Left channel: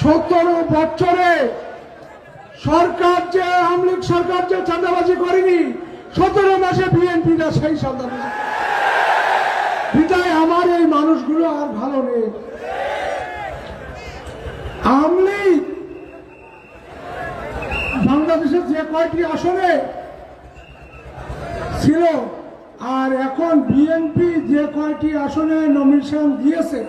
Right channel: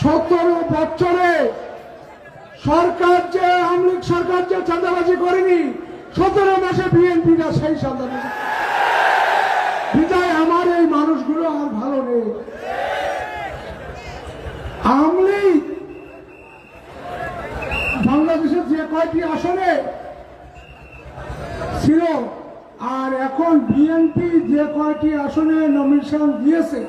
17 বছরে সরকার যে আওয়ামী লীগ সরকার যে চাঁদাবাজি করেনি, 17 মাসে বিএনপিটা সেই চাঁদাবাজি। বিদায় আমার এই মানুষগুলো আর ভালো নেই। আওয়ামী লীগ বাংলাদেশের যে কয়টি আসনে ছিল আর এখন বিএনপি যে কয়টি আসনে নমিনেশন দিয়েছে,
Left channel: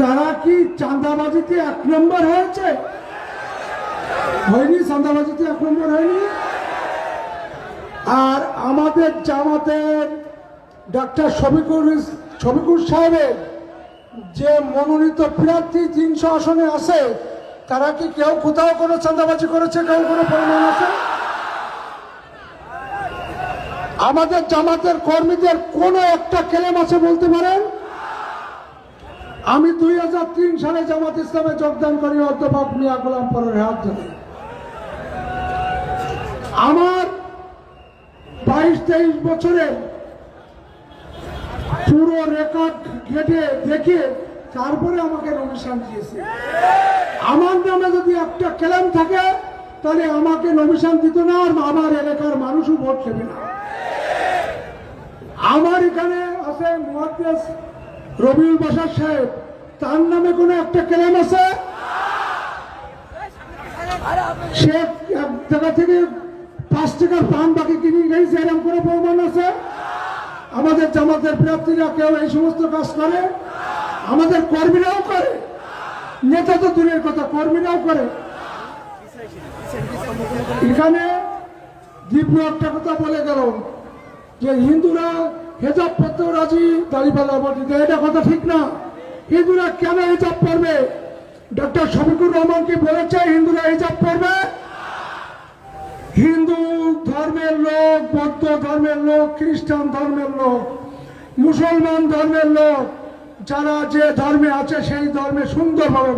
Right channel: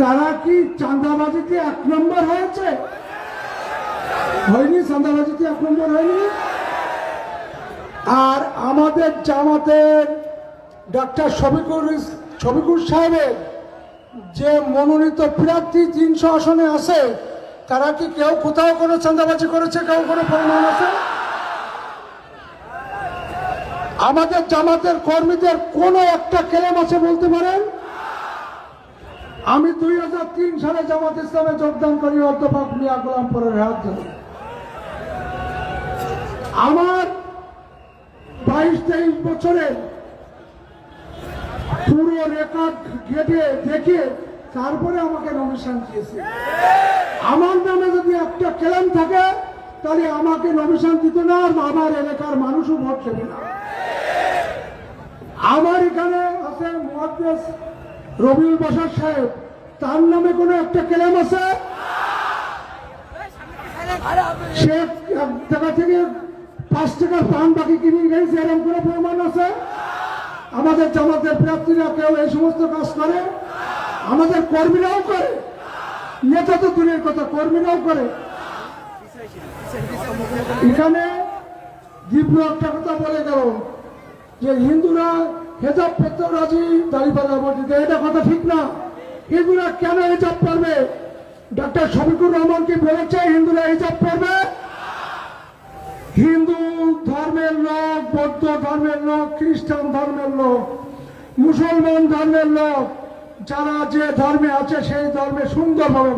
তারা কি চাঁদাবাজিতে 1 নম্বর হয়েছে? হয়নি। চাঁদাবাজিতে 1 নম্বর হয়নি। আর আমাদের জামাতের ডক্টর শফিকুর সাহেবের যে মনোনীত প্রার্থী 300 আসনে আছে, তারা কি কেউ কোথাও কোনো চাঁদাবাজি করেছে? কেউ কোনো প্রমাণ আছে? আমাদের জামাতের কর্মীদের কোন একটা ক্লেম আছে বলতে পারেন? আমি 2003 সালে জামাত ইসলামে যোগদান করি অধ্যাপক মিয়া গোলাম পরের হাত ধরে। আমার 22-23 বছরে পুরো রেকর্ড ঘেটে দেখে তারপরে আমাকে নমিনেশন দিয়েছে। আমার নামে যদি একটা ক্লেম থাকে তাহলে আমাকে নমিনেশন দিত না, আর আমার এলাকার মানুষও ভোট দেবে না। আমার এখানে আছেন মুহাদ্দিস রবিউল বাশার সাহেব, তার নামে কোনো একটা ক্লেম আছে? সে এক জায়গা থেকে 5 টাকার পান বাকি কিনে গেছে, এরকম করে প্রমাণ আছে? আমাদের জামাতের প্রার্থীরা কেউ এই সমস্ত কাজ করে? আমাদের কর্মীরাও করে, নেতা তো দূরের কথা, কর্মীরাও করে। এখানে দীপ্র একটা কথা বলে গেল যে হিন্দুরা হেজাব পরতেও রাজি, দাঁড়িপাল্লা বর্জিত। এটা কথা ঠিক না। হিন্দুরা কেন হিজাব পরবে? ডক্টর শফিকুর রহমান কি বলেছে হিন্দুরা হিজাব পরবে? হিন্দু ধর্মের লোক, বৌদ্ধ ধর্মের লোক, খ্রিস্টান ধর্মের লোক, মুসলমান ধর্মের লোক, যারা যে ধর্মে আছে সেই ধর্মে সুন্দরভাবে